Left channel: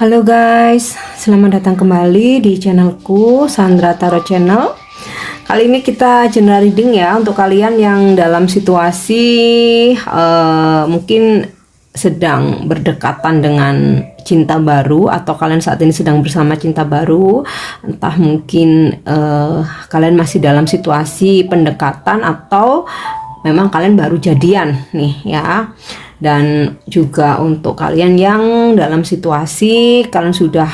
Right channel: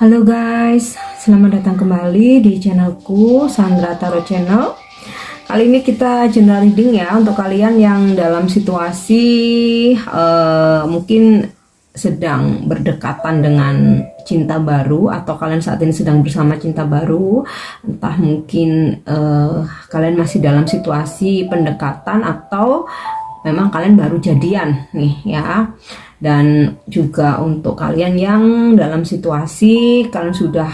Halo guys, selamat datang kembali di channelku Sandra Tarot Channel. Kali ini kita general reading ya untuk kalian yang dalam situasi mungkin sedang berdekatan dengan cinta baru, atau kalian saat ini sedang bersama cinta baru. Entah mungkin kalian masih dalam situasi pendekatan atau memang kalian baru jadian nih ya. Dan juga untuk kalian yang dalam situasi kalian sudah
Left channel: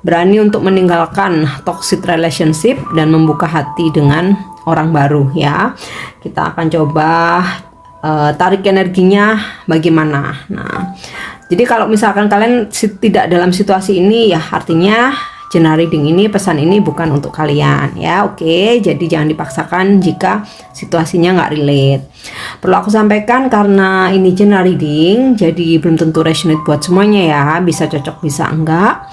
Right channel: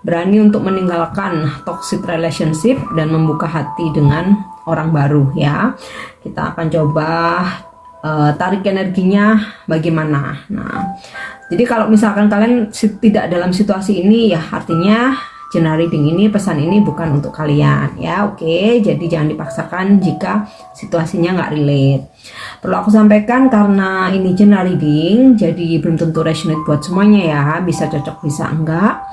berani untuk meninggalkan toxic relationship dan membuka hati dengan orang baru ya. Kita akan coba tarik energinya bagaimana. Nah, jadi kalau misalkan kalian tidak dalam situasi ini ya, artinya general reading ini, pesan ini bukan untuk kalian ya. Oke, jadi jangan dipaksakan jika situasinya nggak relate. Perlu aku sampaikan karena ini general reading, jadi belum tentu resonate buat semuanya ya. Bisa cocok, bisa enggak.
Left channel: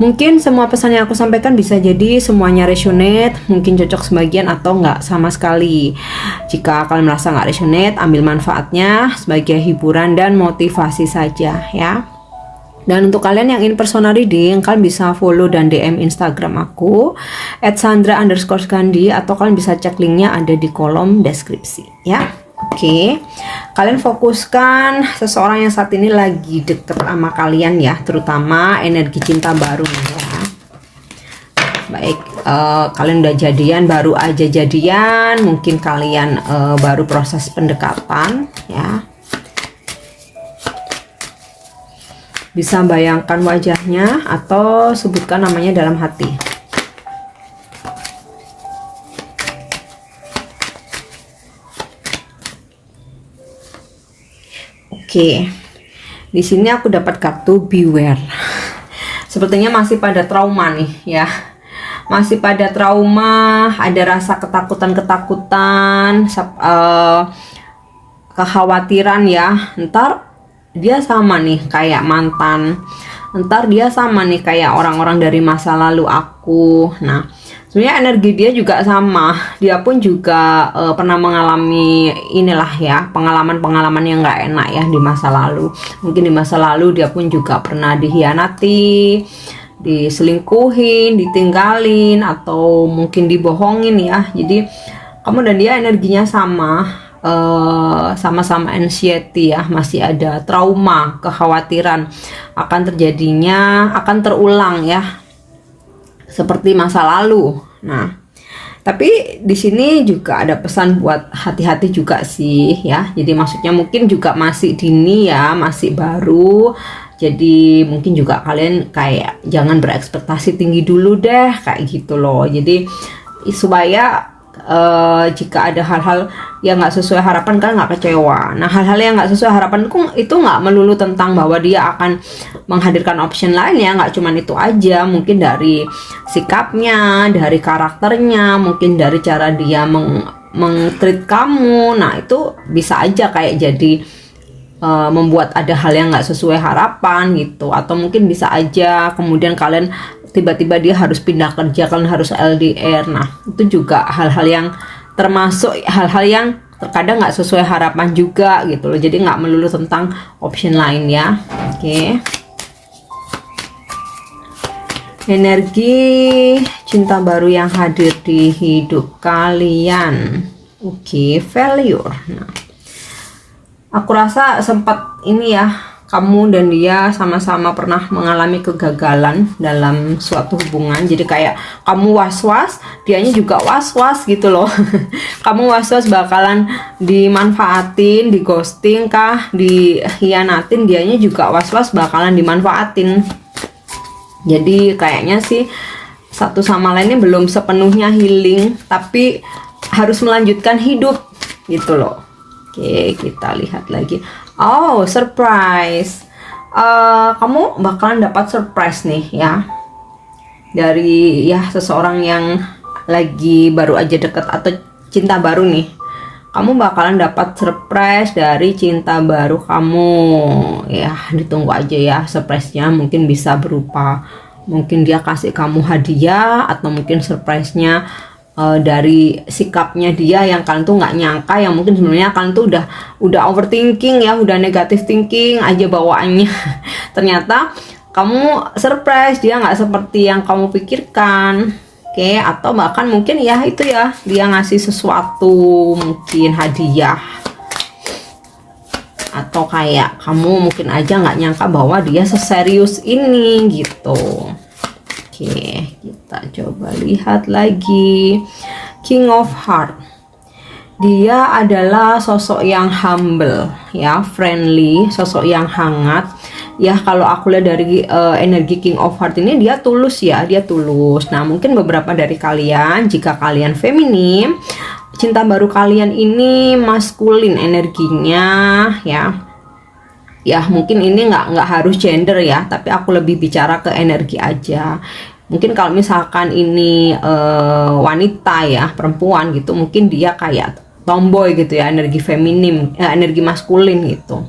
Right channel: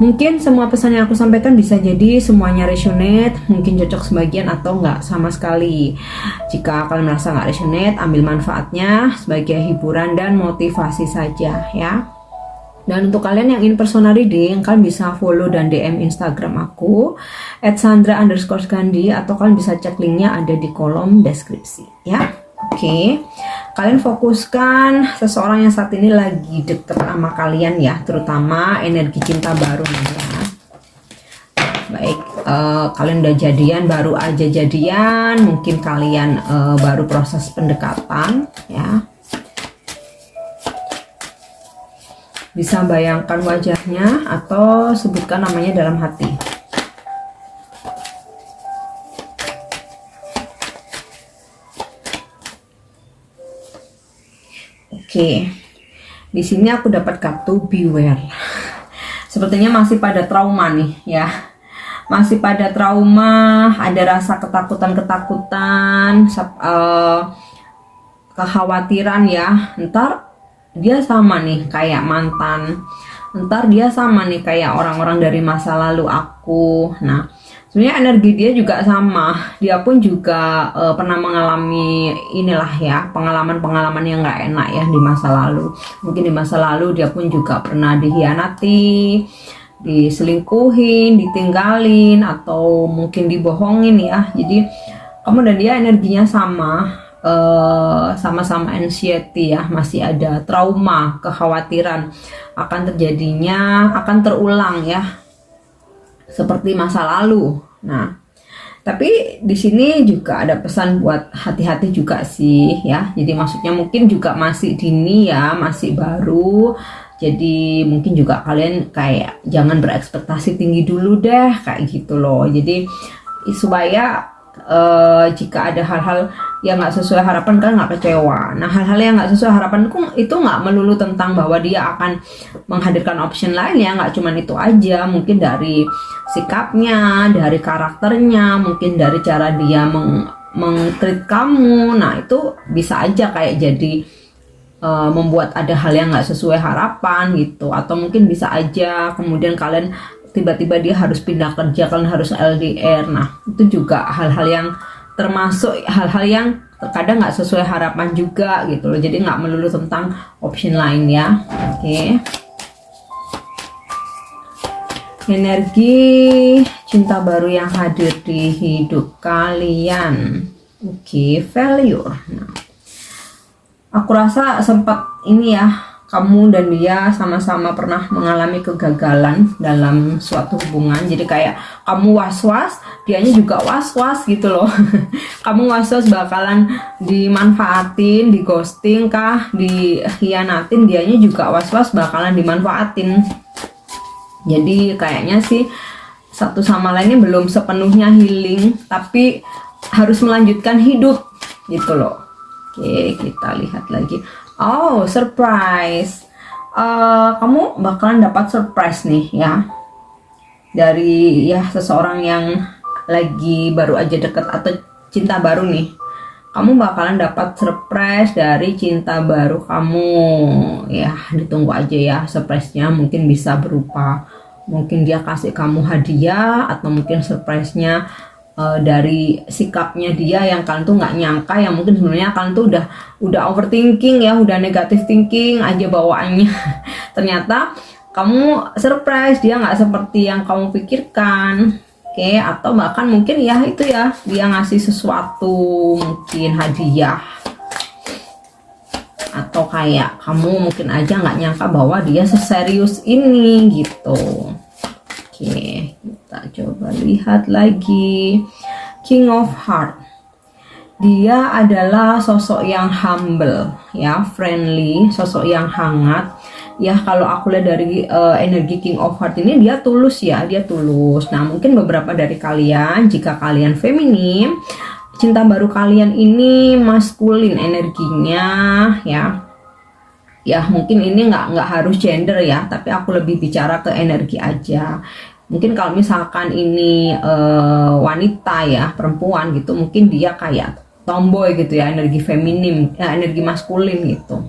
Mungkin semua pesan yang aku sampaikan bisa jadi semuanya resonate, mungkin cocok sebagian atau enggak sama sekali. Jika kalian merasa nggak resonate, ambil manfaatnya sebagai hiburan dan motivasi saja ya. Dan untuk kalian yang ingin personal reading, kalian bisa follow dan DM Instagram aku @sandra_gandhi, atau kalian bisa cek linknya ada di kolom deskripsi ya. Oke, kalian fokuskan seseorang yang saat ini lagi deket sama kalian ya, terutama energi cinta baru ya. Baik, kalian udah jadian, baru aja jadian, mungkin kalian baru proses pendekatan ya. Bisa bayangkan wajahnya atau sebutkan namanya dalam hati. Oke, di sini aku dapat kartu beware. Sepertinya masih pada trauma nih ya. Masih pada trauma, ada rasa ketakutan-ketakutan, kekhawatiran ya. Ntar dia sama nih kayak mantan, ntar dia sama nih kayak orang-orang dari masa lalu aku. Nah, sebenarnya energi dia juga sama, dia pun juga pernah mengalami inilah ya, pengalaman-pengalaman yang nggak enak ya di masa lalu. Mungkin di masa lalu dia pun juga pernah dikhianati, diselingkuhin, ditinggalin, atau mungkin dibohongin ya. Jadi kamu dan dia energinya sama-sama anxiety ya, masih ada trauma, kekhawatiran akan terjadinya, akan terulang ya, seperti masa lalu. Nah, tapi di sini juga ada pesan buat hati-hati juga sih ya. Jadi maksudnya mungkin juga masih dini ya, masih baru. Jadi mungkin juga kalian kayak jangan berekspektasi tinggi dulu deh, kayak gitu loh. Jadi supaya jika ada hal-hal yang nggak sesuai harapan, kalian nggak kecewa. Nah, hal-hal yang nggak sesuai harapan itu nggak melulu tentang bahwa dia akan menghadirkan option lain ya, nggak cuman itu aja. Mungkin dari sikapnya, dari karakternya, mungkin dari cara dia meng-treat kamu. Nah, itu bisa aja kayak jadi membuat ada hal yang nggak sesuai harapan gitu. Atau mungkin bisa aja kemudian kalian tiba-tiba dia harus pindah kerja, kalian harus LDR. Nah, itu juga hal-hal yang termasuk hal-hal yang terkadang nggak sesuai harapan juga gitu loh. Jadi nggak melulu tentang option lain ya. Oke. Energi cinta baru yang hadir di hidup kalian. Oke, failure. Nah, aku rasa sempat ini ya, kamu dan dia sama-sama pernah mengalami kegagalan dalam suatu hubungan. Jadi kayak kamu was-was, dianya juga was-was gitu loh. Kamu was-was bakalan dimanfaatin, di ghosting kah, dikhianatin, dianya juga was-was bakalan dimanfaatin. Jadi kayaknya sih satu sama lainnya belum sepenuhnya healing, tapi harus melanjutkan hidup gitu loh. Oke, kita lihat lagi. Oh, surprise. Kamu bakalan dapat surprise nih ya, dari ya seseorang yang lagi baru aja deket atau cinta baru nih. Kamu bakalan dapat surprise dari cinta baru kamu ya. Ditunggu aja ya surprise-nya. Mungkin bisa berupa, mungkin dia kasih kamu hadiah, atau mungkin surprise-nya dari sikapnya dia yang kalian tuh nggak nyangka, yang mungkin sebenarnya kalian tuh udah overthinking ya, udah negative thinking aja bawaannya. Ternyata kamu surprise, dia nggak seperti yang kamu pikirkan. Oke, atau bahkan mungkin ya itu ya, dia ngasih sesuatu, mungkin hadiah, atau kayak kamu mungkin aja nggak nyangka bahwa dia seserius ini gitu. Oke, kita coba lihat lagi. King of Heart, dia adalah sosok yang humble ya, friendly, sosok yang hangat ya. Kalau aku lihat dari energi King of Heart ini, dia tulus ya, dia tulus. Nah, mungkin beberapa dari kalian, jika kalian feminim, cinta baru kalian ini maskulin energinya ya. Ya mungkin ini nggak harus gender ya, tapi aku lebih bicara ke energi aja. Mungkin kalau misalkan ini wanita ya, perempuan gitu, mungkin dia kayak tomboy gitu ya, energi feminim, energi maskulin gitu.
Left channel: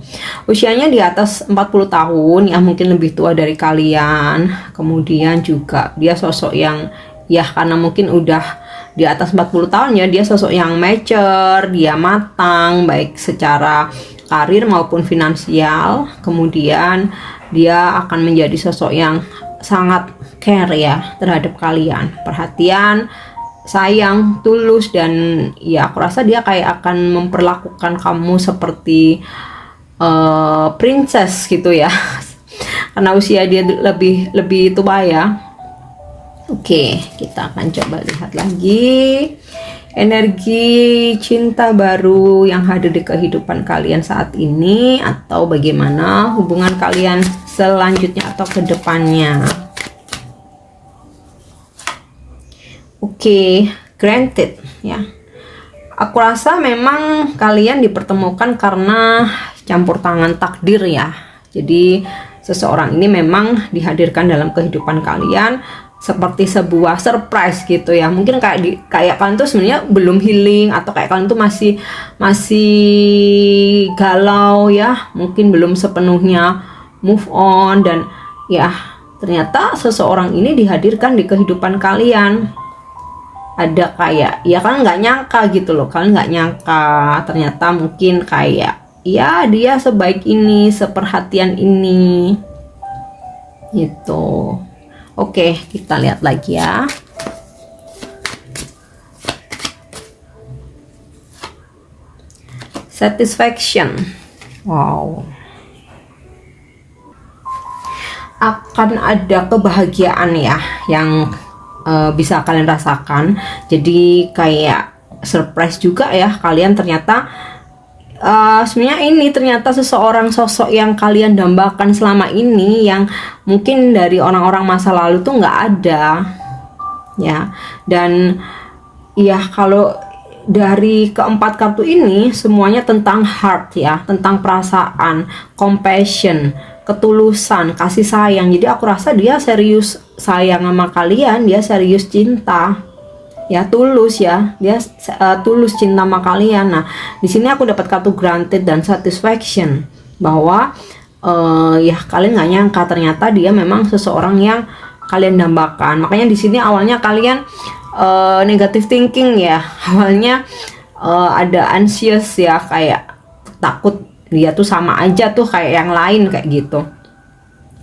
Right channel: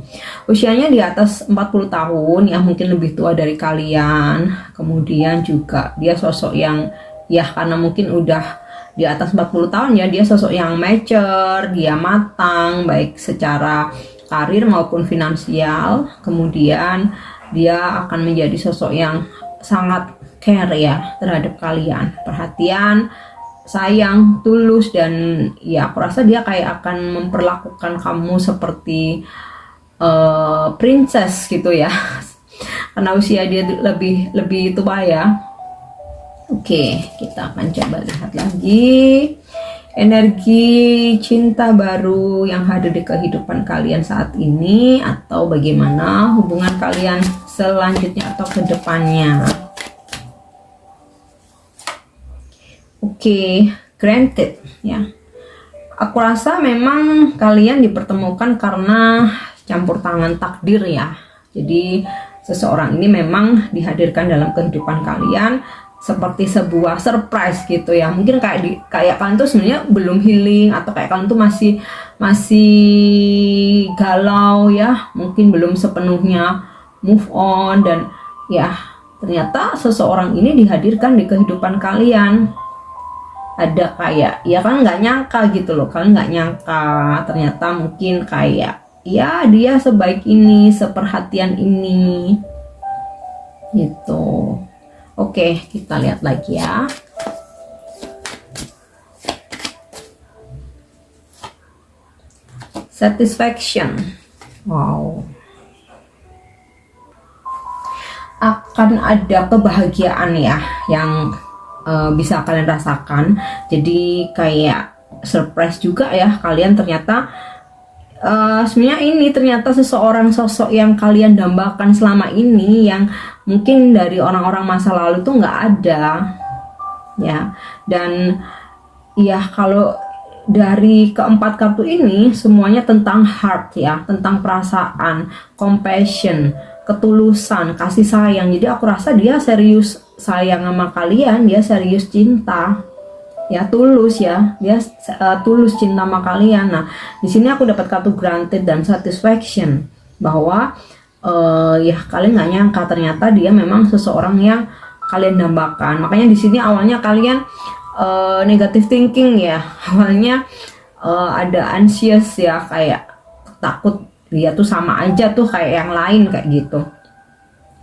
Usianya di atas 40 tahun ya, mungkin lebih tua dari kalian. Kemudian juga dia sosok yang ya, karena mungkin udah di atas 40 tahun ya, dia sosok yang mature, dia matang baik secara karir maupun finansial. Kemudian dia akan menjadi sosok yang sangat care ya terhadap kalian, perhatian, sayang, tulus, dan ya aku rasa dia kayak akan memperlakukan kamu seperti princess gitu ya karena usia dia lebih tua ya. Oke, kita akan coba lihat lagi energi cinta baru yang hadir di kehidupan kalian saat ini, atau bagaimana hubungan kalian selanjutnya atau ke depannya. Oke, granted ya. Aku rasa memang kalian dipertemukan karena campur tangan takdir ya. Jadi seseorang ini memang dihadirkan dalam kehidupan kalian seperti sebuah surprise gitu ya. Mungkin kayak kalian tuh sebenarnya belum healing, atau kayak kalian tuh masih galau ya, mungkin belum sepenuhnya move on, dan ya ternyata seseorang ini dihadirkan di kehidupan kalian. Ada kayak ya, kan nggak nyangka gitu loh, kalian nggak nyangka ternyata mungkin kayak ya dia sebaik ini, seperhatian ini gitu. Oke, kita lihat lagi ya. Satisfaction. Wow. Akan ada kebahagiaan ya yang bisa kalian rasakan. Jadi kayak surprise juga ya, kalian ternyata sebenarnya ini ternyata seseorang, sosok yang kalian dambakan selama ini, yang mungkin dari orang-orang masa lalu tuh nggak ada ya. Dan ya kalau dari keempat kartu ini semuanya tentang heart ya, tentang perasaan, compassion, ketulusan, kasih sayang. Jadi aku rasa dia serius sayang sama kalian, dia serius cinta ya, tulus ya, dia tulus cinta sama kalian. Nah, di sini aku dapat kartu granted dan satisfaction, bahwa ya kalian nggak nyangka ternyata dia memang seseorang yang kalian dambakan. Makanya di sini awalnya kalian negative thinking ya, awalnya ada anxious ya, kayak takut dia tuh sama aja tuh kayak yang lain kayak gitu.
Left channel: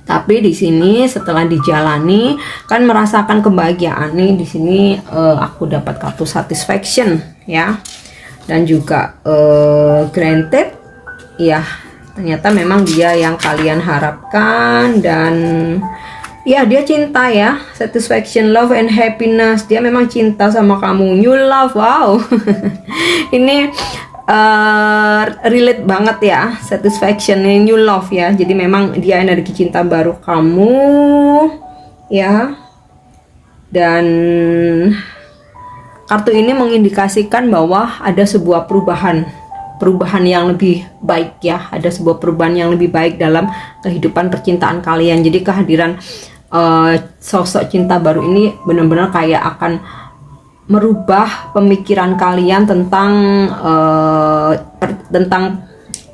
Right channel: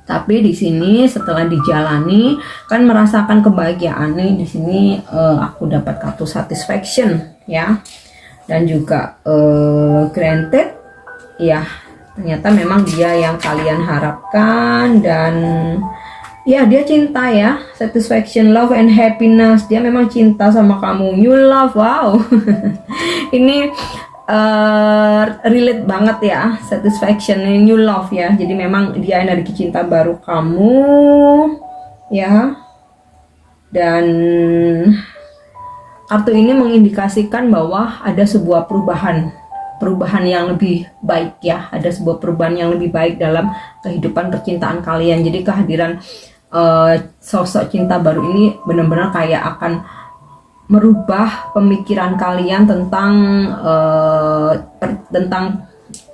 Tapi di sini setelah dijalani kan merasakan kebahagiaan nih. Di sini aku dapat kartu satisfaction ya, dan juga granted ya, ternyata memang dia yang kalian harapkan, dan ya dia cinta ya, satisfaction, love and happiness. Dia memang cinta sama kamu, new love. Wow. Ini relate banget ya, satisfaction, new love ya. Jadi memang dia energi cinta baru kamu ya. Dan kartu ini mengindikasikan bahwa ada sebuah perubahan yang lebih baik ya, ada sebuah perubahan yang lebih baik dalam kehidupan percintaan kalian. Jadi kehadiran sosok cinta baru ini benar-benar kayak akan merubah pemikiran kalian tentang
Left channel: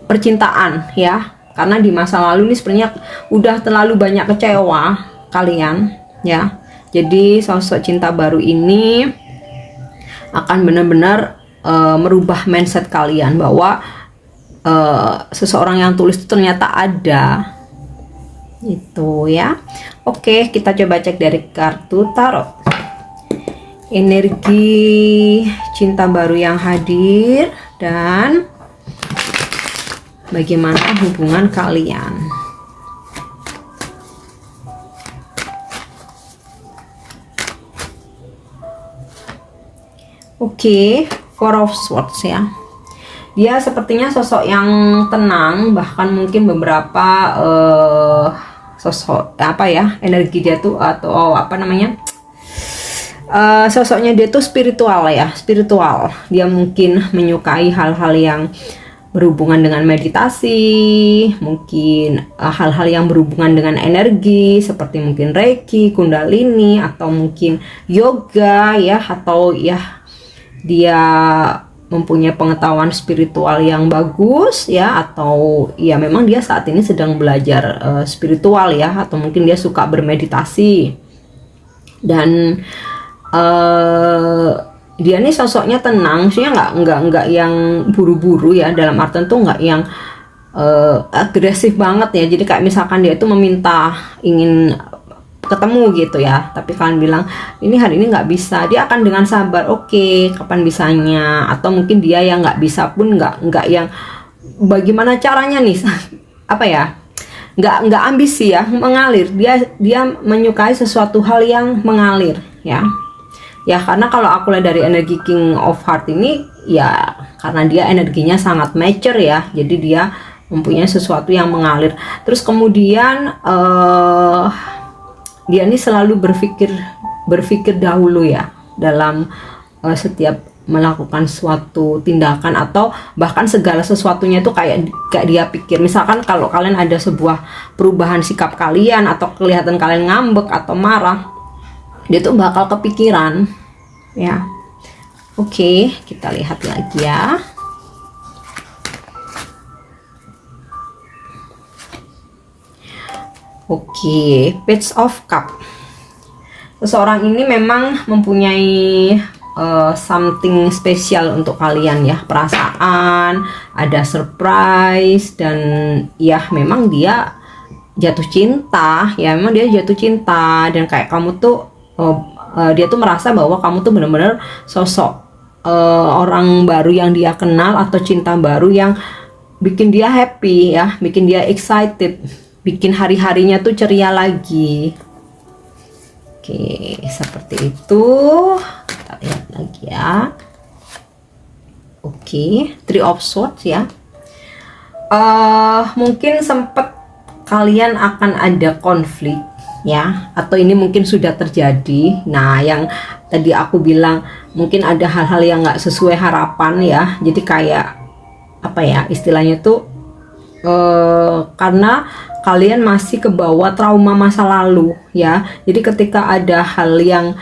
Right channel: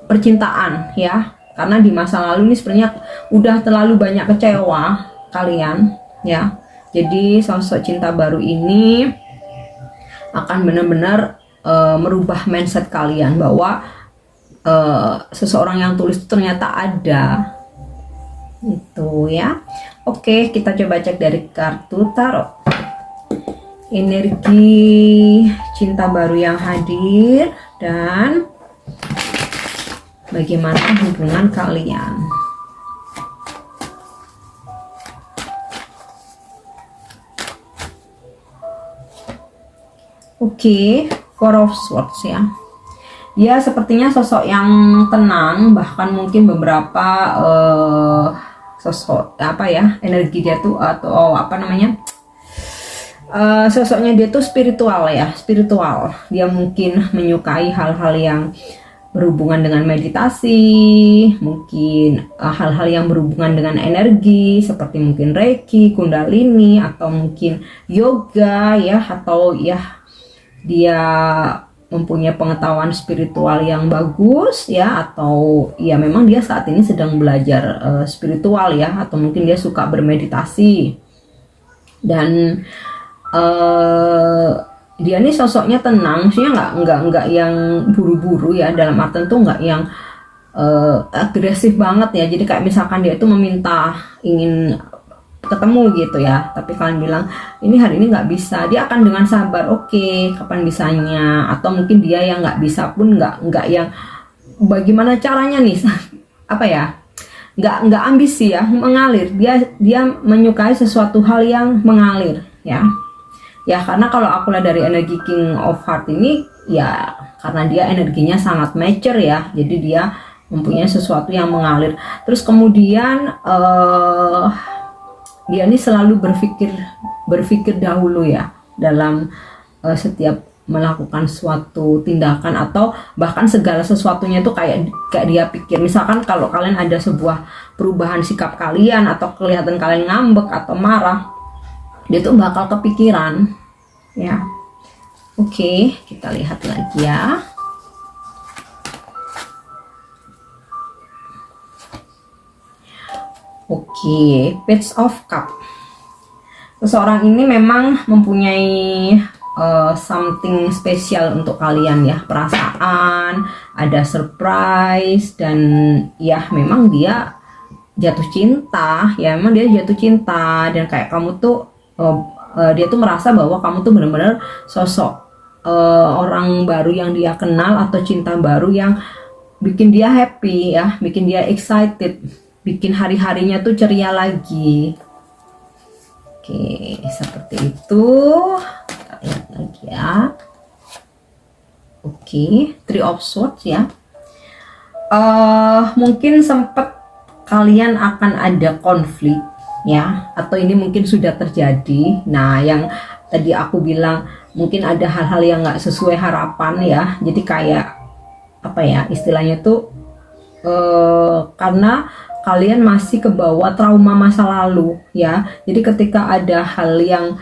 percintaan ya, karena di masa lalu ini sebenarnya udah terlalu banyak kecewa kalian ya. Jadi sosok cinta baru ini akan benar-benar merubah mindset kalian bahwa seseorang yang tulus itu ternyata ada Itu ya. Oke, kita coba cek dari kartu tarot. Energi cinta baru yang hadir dan bagaimana hubungan kalian. Oke, Four of Swords ya. Dia sepertinya sosok yang tenang, bahkan mungkin beberapa sosok apa ya, energi dia tuh atau apa namanya, sosoknya dia tuh spiritual ya, spiritual. Dia mungkin menyukai hal-hal yang berhubungan dengan meditasi, mungkin hal-hal yang berhubungan dengan energi seperti mungkin Reiki, Kundalini, atau mungkin yoga ya, atau ya dia mempunyai pengetahuan spiritual yang bagus ya, atau ya memang dia saat ini sedang belajar spiritual ya, atau mungkin dia suka bermeditasi. Dan dia nih sosoknya tenang, maksudnya nggak yang buru-buru ya, dalam artian tuh nggak yang agresif banget ya. Jadi kayak misalkan dia tuh meminta ingin ketemu gitu ya, tapi kalian bilang ini hari ini nggak bisa, dia akan dengan sabar, oke, kapan bisanya. Atau mungkin dia yang nggak bisa pun nggak yang bagaimana caranya nih apa ya, nggak ambisi ya, mengalir. Dia menyukai sesuatu hal yang mengalir ya. Ya karena kalau aku lihat dari energi King of Heart ini ya, karena dia energinya sangat mature ya, jadi dia mempunyai sesuatu yang mengalir. Terus kemudian dia ini selalu berpikir dahulu ya dalam setiap melakukan suatu tindakan, atau bahkan segala sesuatunya itu kayak dia pikir. Misalkan kalau kalian ada sebuah perubahan sikap kalian, atau kelihatan kalian ngambek atau marah, dia tuh bakal kepikiran ya. Oke, kita lihat lagi ya. Oke, Page of Cup. Seseorang ini memang mempunyai something spesial untuk kalian ya, perasaan, ada surprise, dan ya memang dia jatuh cinta ya, memang dia jatuh cinta. Dan kayak kamu tuh dia tuh merasa bahwa kamu tuh benar-benar sosok orang baru yang dia kenal, atau cinta baru yang bikin dia happy ya, bikin dia excited, bikin hari-harinya tuh ceria lagi. Oke, seperti itu. Kita lihat lagi ya. Oke, Three of Swords ya. Mungkin sempat kalian akan ada konflik ya, atau ini mungkin sudah terjadi. Nah, yang tadi aku bilang mungkin ada hal-hal yang nggak sesuai harapan ya. Jadi kayak apa ya istilahnya tuh, karena kalian masih kebawa trauma masa lalu ya. Jadi ketika ada hal yang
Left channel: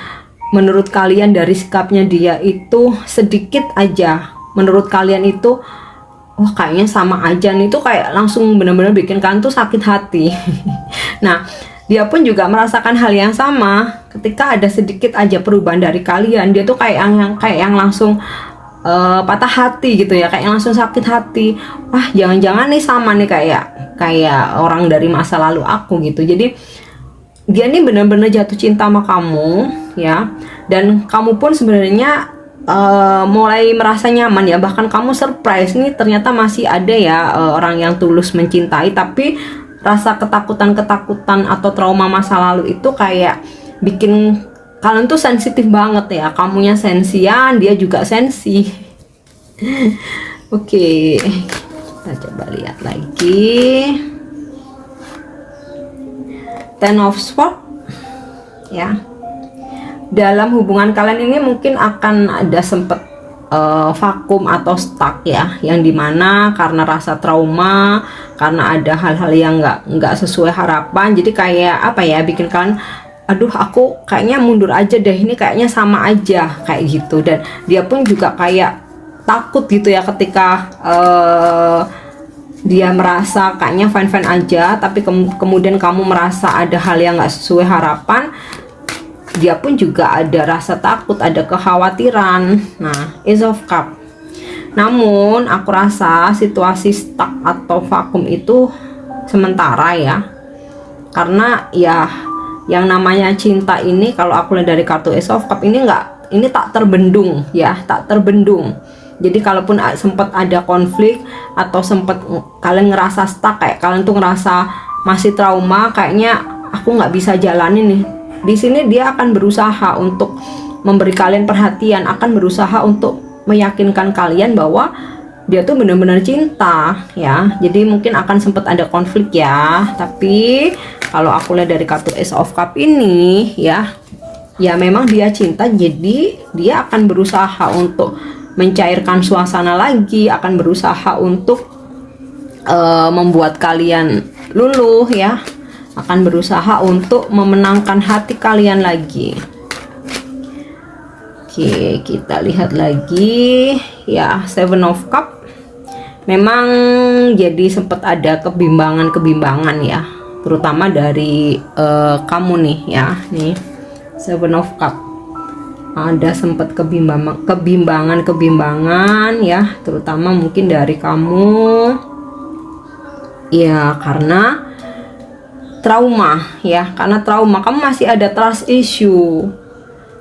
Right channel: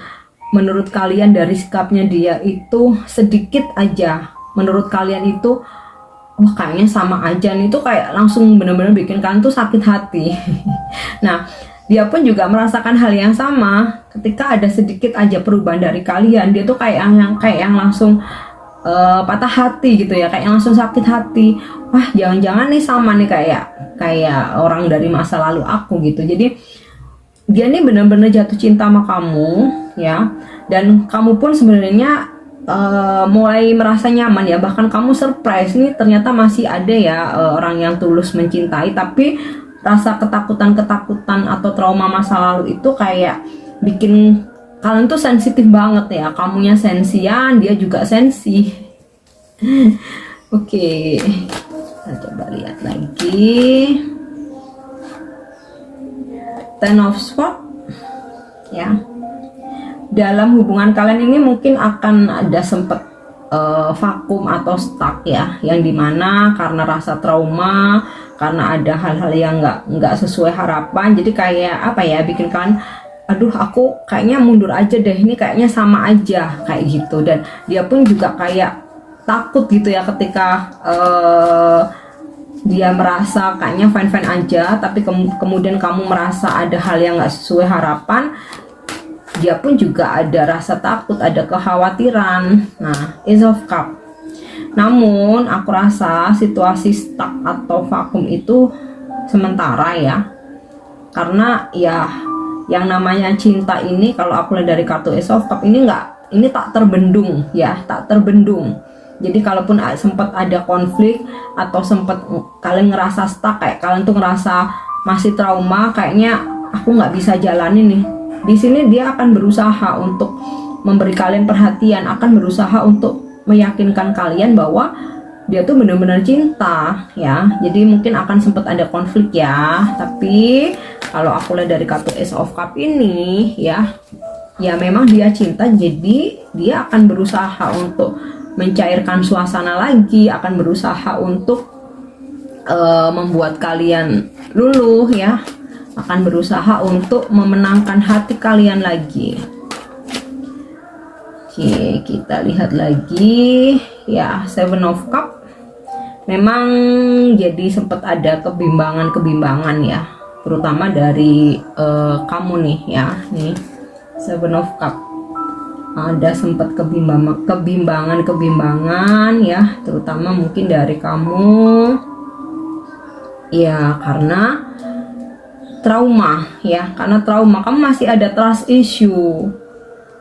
menurut kalian dari sikapnya dia itu sedikit aja, menurut kalian itu wah kayaknya sama aja nih, tuh kayak langsung benar-benar bikin kalian tuh sakit hati. Nah, dia pun juga merasakan hal yang sama. Ketika ada sedikit aja perubahan dari kalian, dia tuh kayak yang langsung patah hati gitu ya, kayak langsung sakit hati. Wah, jangan-jangan nih sama nih kayak orang dari masa lalu aku gitu. Jadi dia nih benar-benar jatuh cinta sama kamu ya, dan kamu pun sebenarnya mulai merasa nyaman ya. Bahkan kamu surprise nih, ternyata masih ada ya orang yang tulus mencintai, tapi rasa ketakutan atau trauma masa lalu itu kayak bikin kalian tuh sensitif banget ya. Kamunya sensian, dia juga sensi. Oke, kita coba lihat lagi. Ten of Swords ya. Dalam hubungan kalian ini mungkin akan ada sempet vakum atau stuck ya, yang dimana karena rasa trauma, karena ada hal-hal yang nggak sesuai harapan. Jadi kayak apa ya, bikin kalian aduh aku kayaknya mundur aja deh, ini kayaknya sama aja kayak gitu. Dan dia pun juga kayak takut gitu ya ketika dia merasa kayaknya fine-fine aja, tapi kemudian kamu merasa ada hal yang nggak sesuai harapan. Dia pun juga ada rasa takut, ada kekhawatiran. Nah, Ace of Cup. Namun aku rasa situasi stuck atau vakum itu sementara ya, karena ya yang namanya cinta ini kalau aku lihat dari kartu Ace of Cup ini ini tak terbendung ya, tak terbendung. Jadi kalaupun sempat ada konflik atau sempat kalian ngerasa stuck, kayak kalian tuh ngerasa masih trauma, kayaknya aku nggak bisa jalanin nih. Di sini dia akan berusaha untuk memberi kalian perhatian, akan berusaha untuk meyakinkan kalian bahwa dia tuh benar-benar cinta ya. Jadi mungkin akan sempat ada konflik ya, tapi kalau aku lihat dari kartu Ace of Cup ini ya memang dia cinta, jadi dia akan berusaha untuk mencairkan suasana lagi, akan berusaha untuk membuat kalian luluh ya, akan berusaha untuk memenangkan hati kalian lagi. Oke, kita lihat lagi ya, Seven of Cup. Memang jadi sempat ada kebimbangan ya, terutama dari kamu nih ya, nih Seven of Cup. Ada sempat kebimbangan ya, terutama mungkin dari kamu ya, karena trauma ya, karena trauma kamu masih ada trust issue,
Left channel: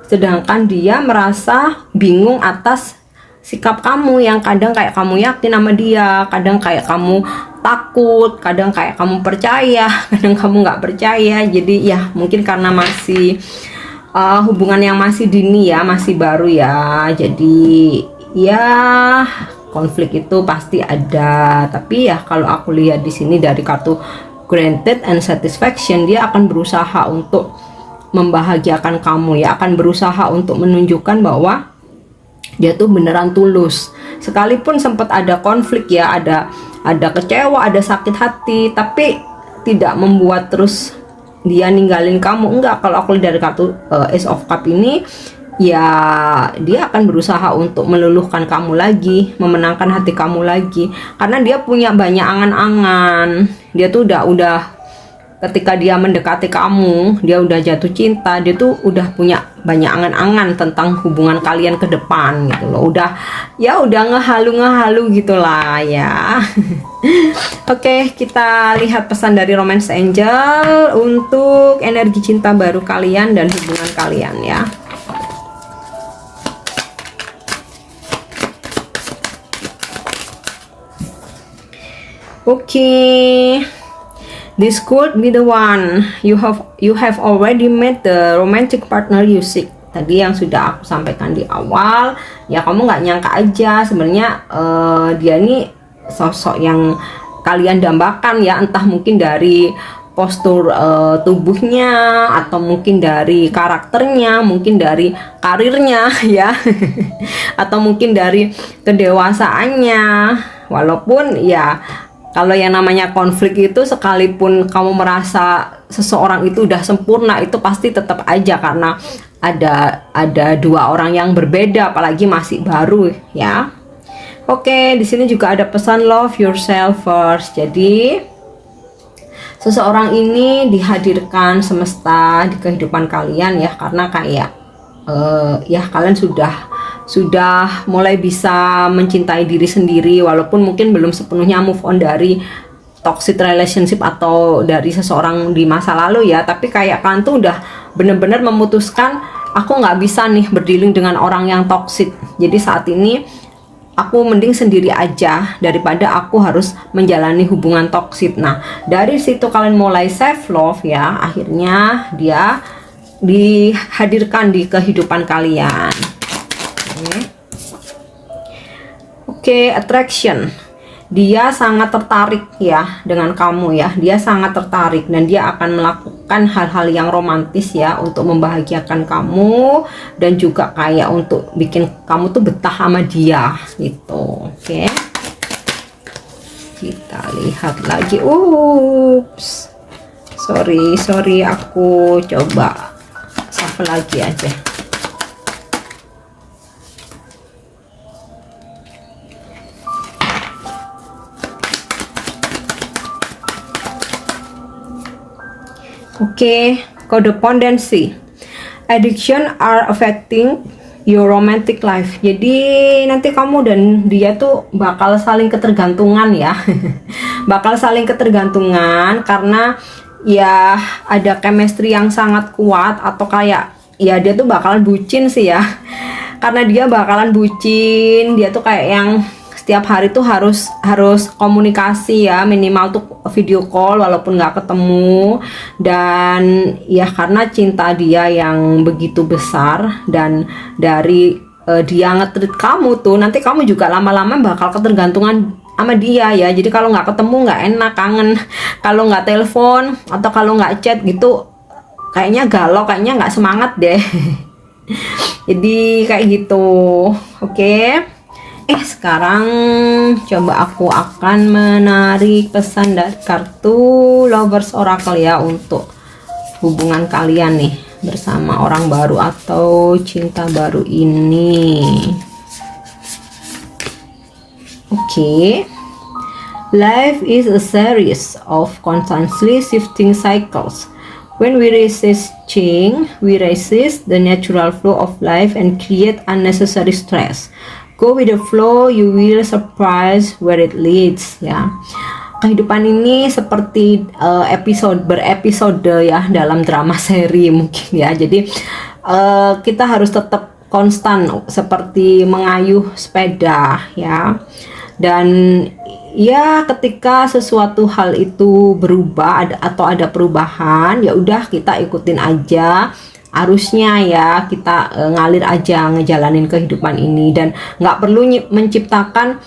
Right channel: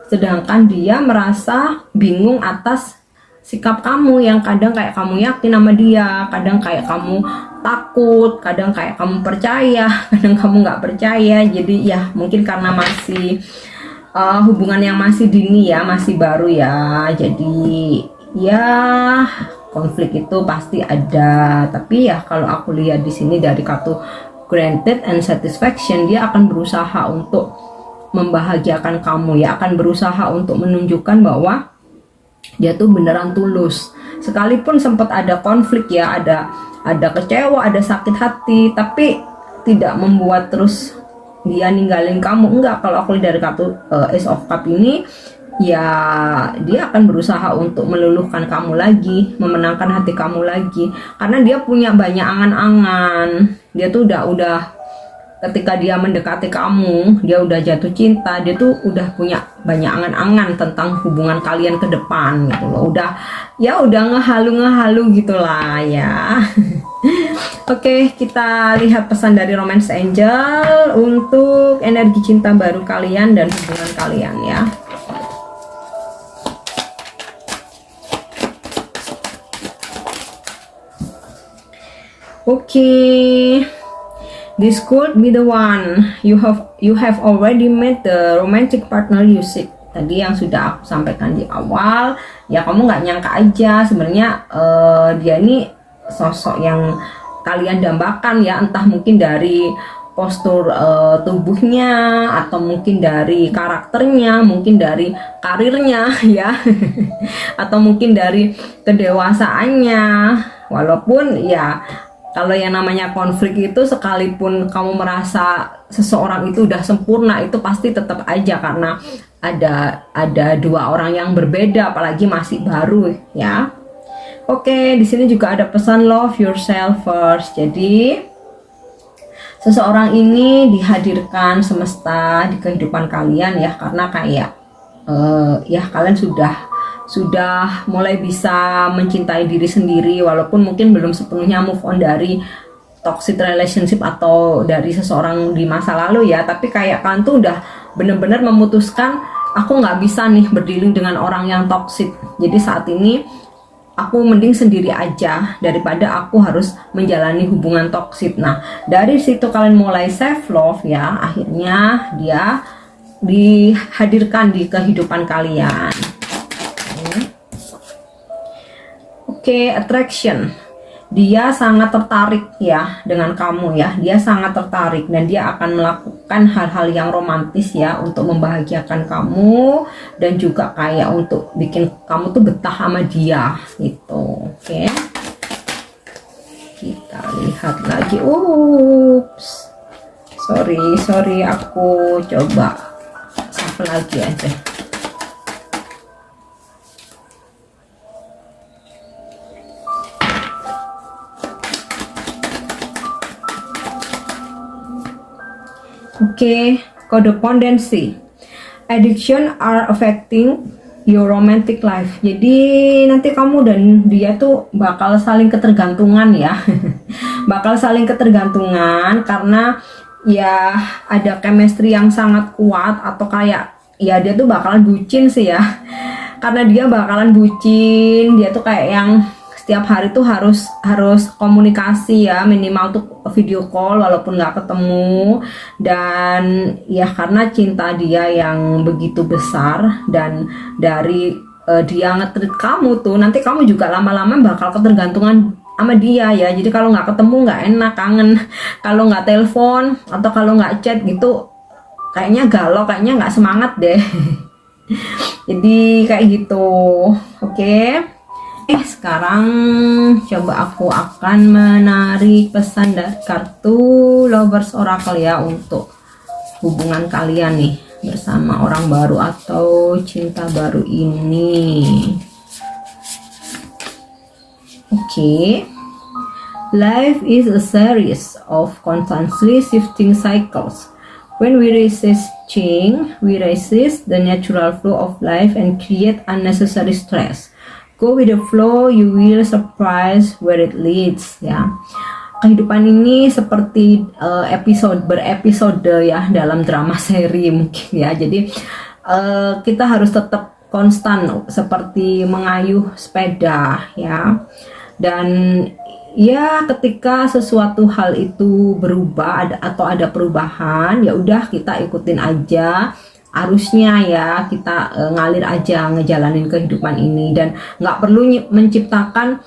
sedangkan dia merasa bingung atas sikap kamu yang kadang kayak kamu yakin sama dia, kadang kayak kamu takut, kadang kayak kamu percaya, kadang kamu nggak percaya. Jadi ya mungkin karena masih hubungan yang masih dini ya, masih baru ya, jadi ya konflik itu pasti ada. Tapi ya kalau aku lihat di sini dari kartu Granted and Satisfaction, dia akan berusaha untuk membahagiakan kamu ya, akan berusaha untuk menunjukkan bahwa dia tuh beneran tulus. Sekalipun sempat ada konflik ya, ada kecewa, ada sakit hati, tapi tidak membuat terus dia ninggalin kamu. Enggak, kalau aku lihat dari kartu Ace of Cup ini ya, dia akan berusaha untuk meluluhkan kamu lagi, memenangkan hati kamu lagi, karena dia punya banyak angan-angan. Dia tuh udah ketika dia mendekati kamu, dia udah jatuh cinta, dia tuh udah punya banyak angan-angan tentang hubungan kalian ke depan gitu loh. Udah ngehalu gitulah ya. Oke, kita lihat pesan dari Romance Angel untuk energi cinta baru kalian dan hubungan kalian ya. Oke. This could be the one you have already met the romantic partner you seek. Tadi yang sudah aku sampaikan di awal ya, kamu nggak nyangka aja sebenarnya dia ini sosok yang kalian dambakan ya, entah mungkin dari postur tubuhnya, atau mungkin dari karakternya, mungkin dari karirnya ya, atau mungkin dari kedewasaannya. Walaupun ya kalau yang namanya konflik itu, sekalipun kamu merasa seseorang itu udah sempurna, itu pasti tetap aja karena ada dua orang yang berbeda, apalagi masih baru ya. Oke, di sini juga ada pesan love yourself first. Jadi seseorang ini dihadirkan semesta di kehidupan kalian ya, karena kayak ya kalian sudah mulai bisa mencintai diri sendiri, walaupun mungkin belum sepenuhnya move on dari toxic relationship atau dari seseorang di masa lalu ya, tapi kayak kalian tuh udah bener-bener memutuskan, aku nggak bisa nih berdealing dengan orang yang toxic, jadi saat ini aku mending sendiri aja daripada aku harus menjalani hubungan toxic. Nah dari situ kalian mulai self love ya, akhirnya dia dihadirkan di kehidupan kalian. Oke, attraction. Dia sangat tertarik ya dengan kamu ya. Dia sangat tertarik dan dia akan melakukan hal-hal yang romantis ya untuk membahagiakan kamu dan juga kayak untuk bikin kamu tuh betah sama dia gitu. Oke. Kita lihat lagi. Ups. Sorry, aku coba shuffle lagi aja. Oke, codependency. Addiction are affecting your romantic life. Jadi nanti kamu dan dia tuh bakal saling ketergantungan ya. Bakal saling ketergantungan karena ya ada chemistry yang sangat kuat, atau kayak ya dia tuh bakalan bucin sih ya. Karena dia bakalan bucin, dia tuh kayak yang setiap hari tuh harus komunikasi ya, minimal tuh video call walaupun nggak ketemu. Dan ya karena cinta dia yang begitu besar, dan dari dia nge-treat kamu tuh, nanti kamu juga lama-lama bakal ketergantungan sama dia ya. Jadi kalau nggak ketemu nggak enak, kangen. Kalau nggak telepon atau kalau nggak chat gitu, kayaknya galau, kayaknya nggak semangat deh. Jadi kayak gitu. Oke. Sekarang coba aku akan menarik pesan dari kartu Lovers Oracle ya, untuk hubungan kalian nih bersama orang baru atau cinta baru ini. Oke. Life is a series of constantly shifting cycles. When we resist change, we resist the natural flow of life and create unnecessary stress. Go with the flow, you will surprise where it leads ya. Kehidupan ini seperti berepisode ya dalam drama seri mungkin ya. Jadi kita harus tetap konstan seperti mengayuh sepeda ya. Dan ya ketika sesuatu hal itu berubah atau ada perubahan, ya udah kita ikutin aja arusnya ya, kita ngalir aja ngejalanin kehidupan ini, dan nggak perlu menciptakan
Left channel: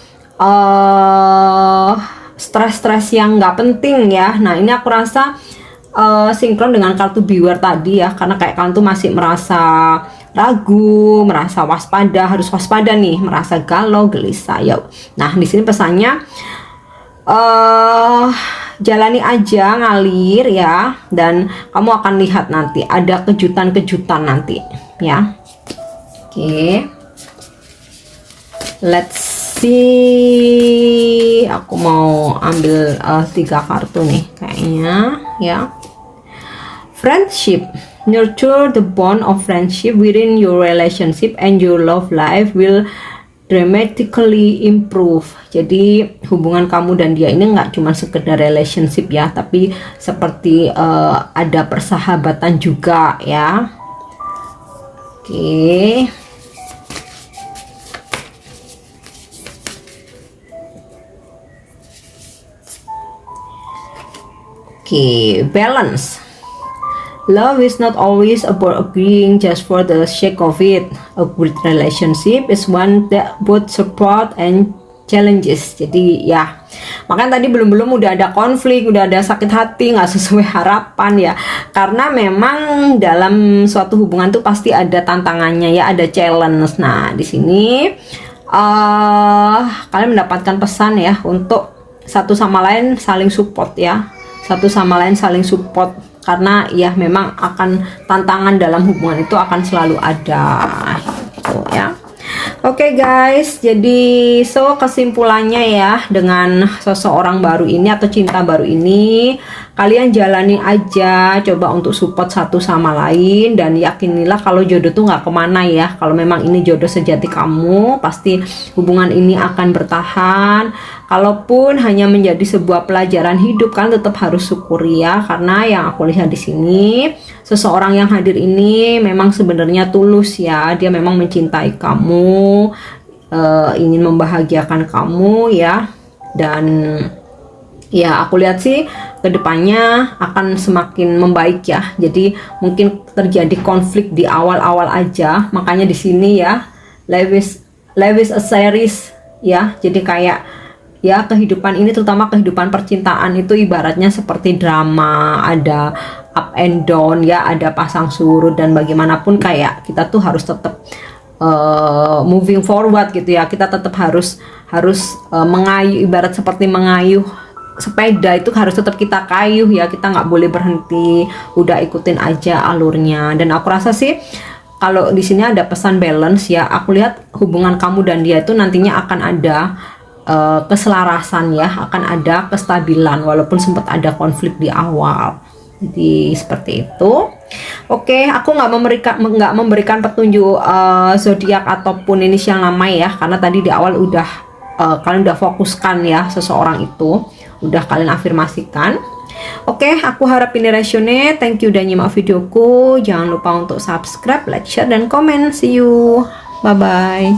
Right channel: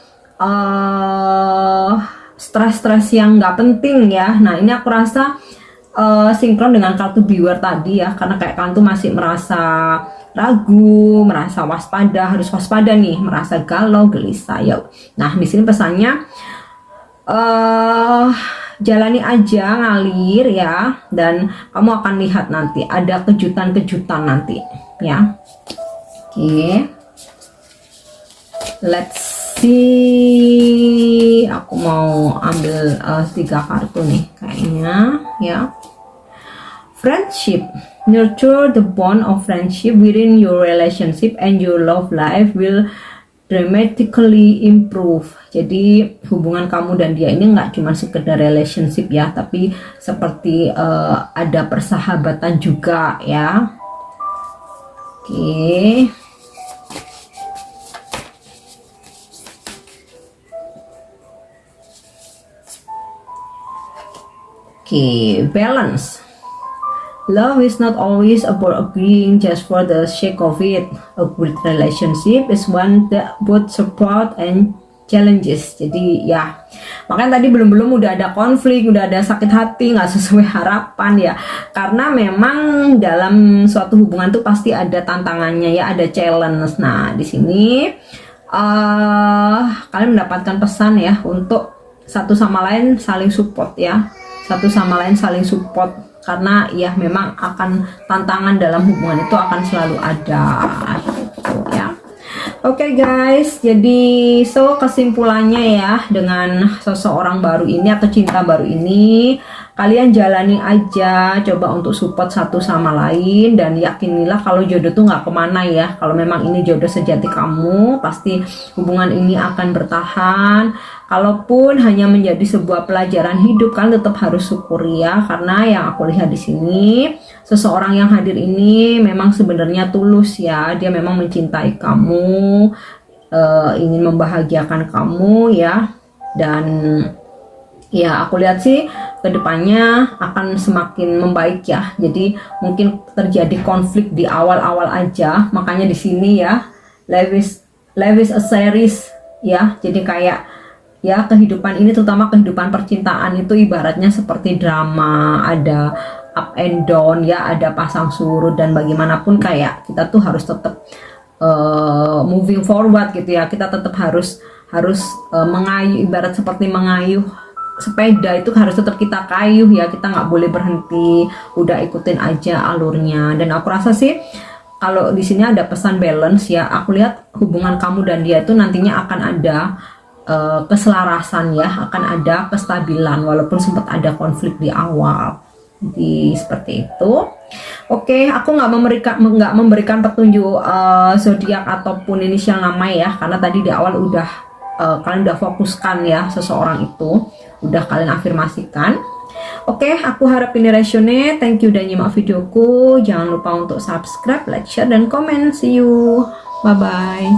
stres-stres yang nggak penting ya. Nah ini aku rasa sinkron dengan kartu Beware tadi ya, karena kayak kalian tuh masih merasa ragu, merasa waspada, harus waspada nih, merasa galau, gelisah ya. Nah di sini pesannya jalani aja, ngalir ya, dan kamu akan lihat nanti ada kejutan-kejutan nanti ya. Oke. Let's see. Aku mau ambil 3 kartu nih kayaknya ya. Friendship. Nurture the bond of friendship within your relationship and your love life will dramatically improve. Jadi hubungan kamu dan dia ini nggak cuma sekedar relationship ya, tapi seperti ada persahabatan juga ya. Oke. Oke, balance. Love is not always about agreeing just for the sake of it. A good relationship is one that both support and challenges. Jadi ya, makanya tadi belum udah ada konflik, udah ada sakit hati, nggak sesuai harapan ya. Karena memang dalam suatu hubungan tuh pasti ada tantangannya ya, ada challenge. Nah di sini kalian mendapatkan pesan ya untuk satu sama lain saling support ya, satu sama lain saling support. Karena ya memang akan tantangan dalam hubungan itu akan selalu ada gitu ya. Oke guys, jadi kesimpulannya ya, dengan seseorang baru ini atau cinta baru ini, kalian jalani aja, coba untuk support satu sama lain, dan yakinilah kalau jodoh tuh nggak kemana ya. Kalau memang ini jodoh sejati kamu, pasti hubungan ini akan bertahan. Kalaupun hanya menjadi sebuah pelajaran hidup, kalian tetap harus syukuri ya, karena yang aku lihat di sini, seseorang yang hadir ini memang sebenarnya tulus ya, dia memang mencintai kamu, ingin membahagiakan kamu ya. Dan ya aku lihat sih kedepannya akan semakin membaik ya. Jadi mungkin terjadi konflik di awal-awal aja, makanya di sini ya, life is a series ya. Jadi kayak ya kehidupan ini, terutama kehidupan percintaan itu ibaratnya seperti drama, ada up and down ya, ada pasang surut, dan bagaimanapun kayak kita tuh harus tetap moving forward gitu ya. Kita tetap harus mengayuh, ibarat seperti mengayuh sepeda itu harus tetap kita kayuh ya, kita nggak boleh berhenti, udah ikutin aja alurnya. Dan aku rasa sih kalau di sini ada pesan balance ya, aku lihat hubungan kamu dan dia itu nantinya akan ada keselarasan ya, akan ada kestabilan walaupun sempat ada konflik di awal. Jadi seperti itu. Oke, aku nggak memberikan petunjuk zodiak ataupun inisial nama ya, karena tadi di awal udah kalian udah fokuskan ya seseorang itu, udah kalian afirmasikan. Oke, aku harap ini resonate. Thank you udah nyimak videoku. Jangan lupa untuk subscribe, like, share, dan komen. See you. Bye-bye.